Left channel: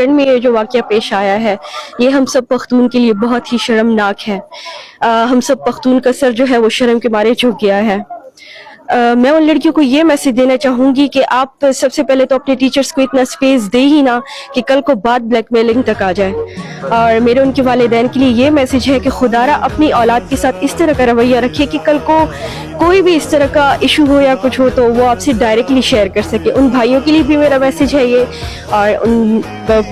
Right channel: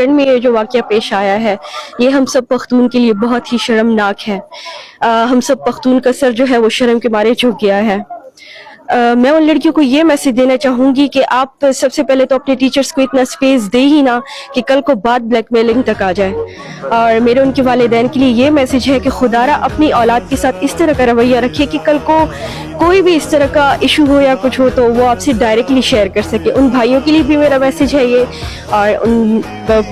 मलक्कड़ में जो वाक़या पेश आया है, ये हम सब पख्तून के लिए बहुत ही शर्मनाक है। हम सब पख्तून का सर जो है वो शर्म के मारे झुक गया है। मैं उन लड़कियों को ये मैसेज देना चाहूँगी कि आप सबसे पहले तो अपने टीचर्स को इतना स्पेस दे ही ना कि कल को बात ब्लैकमेलिंग तक आ जाए। और मेरे उनके वालिदैन के लिए ये मैसेज है कि खुदारा अपनी औलाद के साथ इस तरह का रवैया रखिए कि कल को कोई भी इस तरह का इशू हो या कुछ हो तो वो आपसे डायरेक्टली शेयर कर सके। उन भाइयों के लिए भी मेरा मैसेज है ये, और उन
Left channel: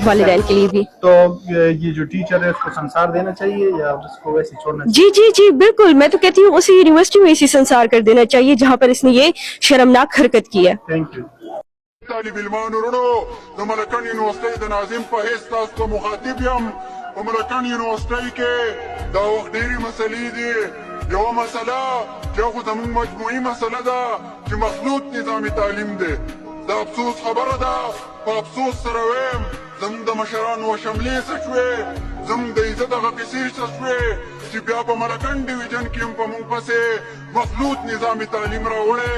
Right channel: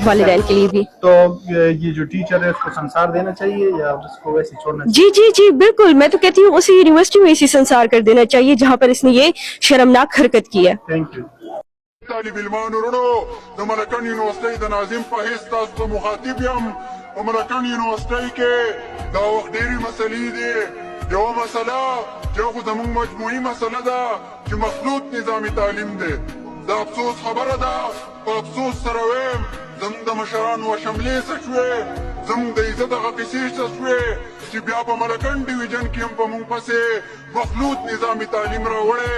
वालिदैन के लिए भी। तो ये जो टीचर है उसको संसार देना चाहिए या उसको वैसे छोड़ना चाहिए? जी जी जी बिल्कुल, मैं तो कहती हूँ उसी यूनिवर्सिटी में इसी संसार कर देना चाहिए जहाँ पर इसने ये शर्मनाक हरकत की है। Thank you. طالب المانورونو د ملکن یونیورسيټي د ناظم په هیڅ تاسو مخاطب یم په ملکن یونیورسيټي کې دا وخت ډېری مسلې دي. یو مسله چې خو زموږ مجموعي مسله ده چې مخلوط نظامي تعلیم دی. دا افسوس خبره ده، په افسوس سره وایم زموږ د مشرانو شملې څه شوې، زموږ د عزت هغه پیسې څه شوې چې بیا په ملکن ډیویژن کې هم په موږ پسې مخلوط نظامي تعلیم راوړی.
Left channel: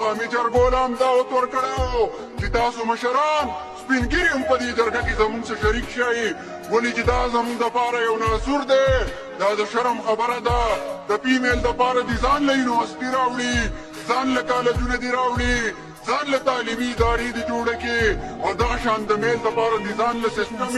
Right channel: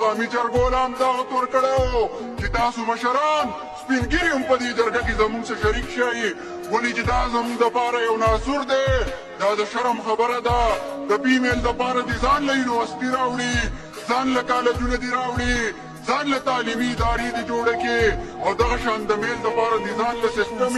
قومي جرګو له هم دعوت ورکړی و چې تاسو مشران سپین ږیري هم په دې جرګه کې زموږ سره شریک شئ، ولې چې دا زموږ دپاره یو ناصور دی. دا د شرم خبره ده. د فیمیل دپاره دې ځان له یونیورسټي راوړي، ځان له کالجونه دې راوړي، ځان له تعلیمي ادارې دې جوړه کړي، او دغه شان د میل دپاره دې ځان له سیسټم